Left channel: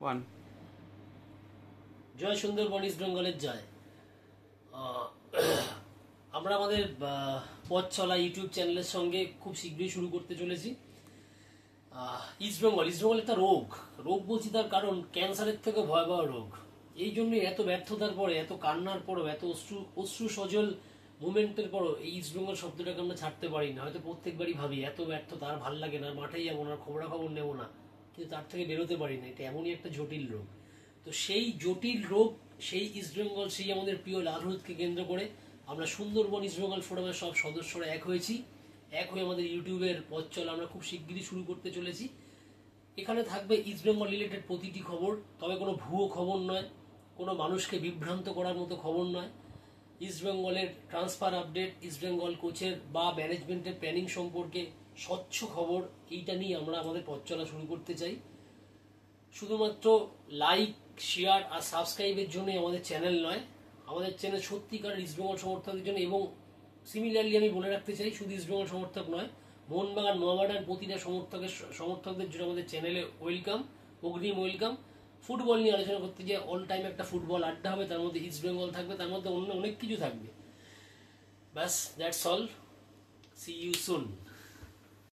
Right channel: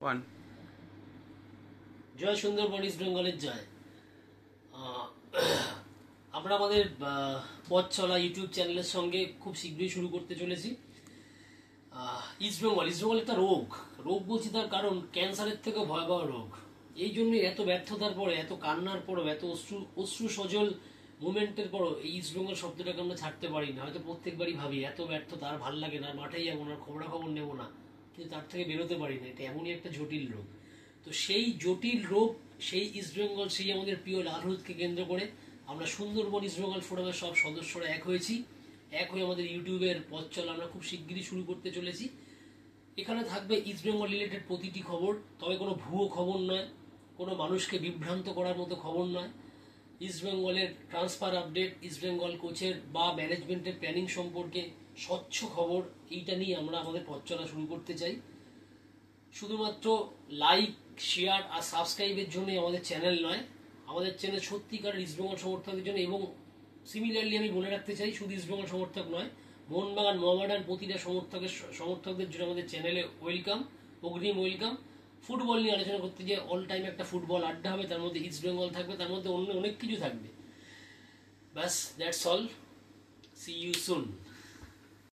One. জয় Sundarban east বেঙ্গলের জয়। আমরা আমাদের পথ চলা ইউটিউব চ্যানেলের সঙ্গে খুব শীঘ্রই শুরু করতে চলেছি। ইস্ট বেঙ্গল একটা রোগ বলছি, তার কারণ ক্যান্সারের থেকে ভয়াবহ রোগ। এই জন্যই এত ব্যর্থতার পরে, এত কান্নার পরও, এত অশ্রু সজল মুভমেন্টের পরও এই ইস্ট বেঙ্গল শব্দটাকে আমরা ছাড়তে পারি না। হয়তো প্রত্যেকবারই ভাবি এত ব্যর্থতা আর ভাল লাগে না, মাঠেই যাবো না, খবরাখবর নেবো না, কিন্তু তার থেকে বেরোতে পারি না। এটা এমনই একটা জটিল রোগ। তো সেই জটিল রোগ, সেই ইস্ট বেঙ্গল, সেই আমাদের প্রিয় লালহলুদকে কেন্দ্র করে আমরা সুন্দরবন ইস্ট বেঙ্গল ফোরামের সব সদস্যরা এক হয়েছি। এক হয়ে আমাদের ইউটিউবের পথ চলা আমরা খুব শিগগিরই শুরু করতে চলেছি। এখানে থাকবে ইস্ট বেঙ্গল রিলেটেড প্রতিটি খবর, তবে কোনো ভুয়ো খবর নয়, কোনো মানুষকে বিভ্রান্ত করার মতো খবর নয়। ইস্ট বেঙ্গলের ট্রান্সফার আপডেট, ইস্ট বেঙ্গল কোচের বা ম্যানেজমেন্টের প্ল্যানিং সম্পর্কে স্বচ্ছ খবর, এইটা নিয়ে আমরা আমাদের পথ চলা শুরু করতে চাই। শুধুমাত্র লাইক, শেয়ার আর সাবস্ক্রাইবের জন্য আমাদের চ্যানেল নয়, আমাদের চ্যানেল সত্যিকার ইস্টবেঙ্গল সমর্থকদের জন্য। এবং সিমিলারলি আমি বলে রাখতে চাই, শুধু ইস্টবেঙ্গল সমর্থক নয়, মোহনবাগান, মোহামেডান প্রতিটা সমর্থকদের জন্য আমাদের চ্যানেলে ওয়েলকাম, অগ্রিম ওয়েলকাম। ফুটবল নিয়ে আলোচনা করতে গিয়ে অল টাইম একটা ফুটবল আড্ডা হবে, তার মধ্যে ইস্টবেঙ্গল থাকবে, তার মধ্যে অন্য অনেক কিছু থাকবে। ব্যাস, that's all. See you soon.